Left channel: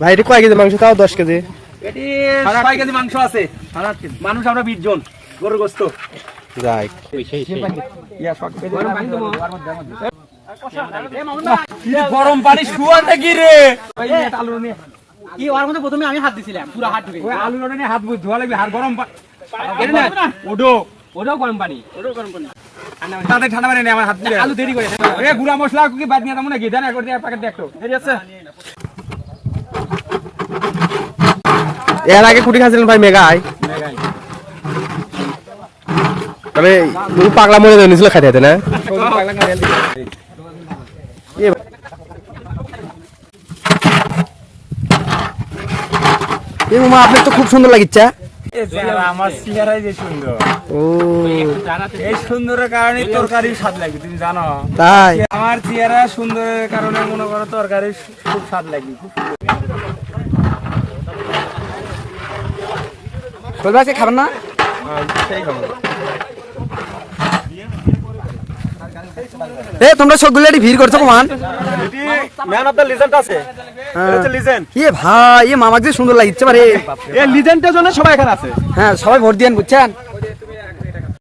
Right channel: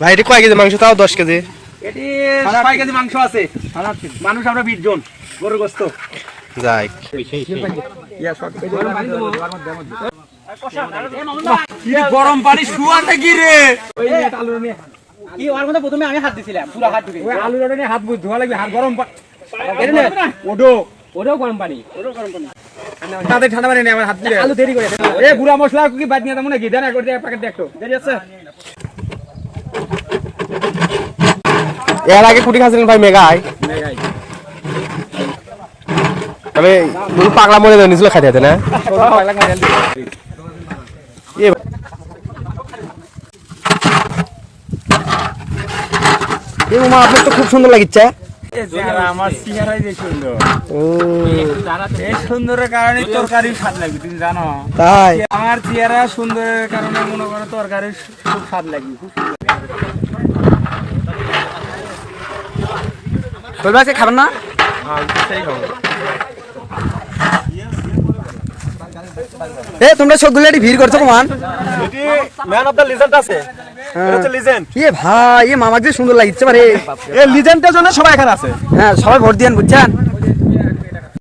ভাই এটা কয় কেজি মাংস? তাও 10 কেজি। এটি 6 কেজি মাংস আছে। মানুষ আমরা 20 জন। গরুর গোশত যাই গরম পানি শুয়া নাকি রে? কি ওর মধ্যে প্রথমে আমি হাত দিছিলাম, পুরো হাত ঢুকে আলু রোডে হাত ধোয়া লাগবে। আর গরম ওডো গরম পানি তাদের ঠান্ডা পানি নেই আমার হাত দিয়ে আলু দেরি করে এ গুড়া মশলা কি বাদ নিয়ে দাম নাকি? দেন একবার দিয়ে প্যাকেট দিয়ে একটু দেরি আছে। এর আগে কুটি খাইছিলেন ভাই মেঘায়? তবে পাগলা মরে নিয়েছিল খাতে হতে না? আপনার তো খুব সুন্দর লাগিচ্ছে। আমার চেহারাই বেশি সুন্দর। ও এই সুন্দরের কারণে তরকারি স্বাদ লাগে, তুমি জানো? তাই আমার চেহারা সুন্দরের কারণে মনে করো তরকারি খুব স্বাদ লাগে। আজকে খাবেন না? এ তোমরা সবগুলো ভিড় করছো কমান? ম্যান অফ দ্য লিজেন্ড আছে। এটা হচ্ছে লিজেন্ড। এ ভাই এ মামাকে সুন্দর লাগিচ্ছে পারে। এই লিজেন্ডের জন্য সবাই এখানে আছে। হ্যাঁ সবাই ভোট দিয়েন বুঝছেন।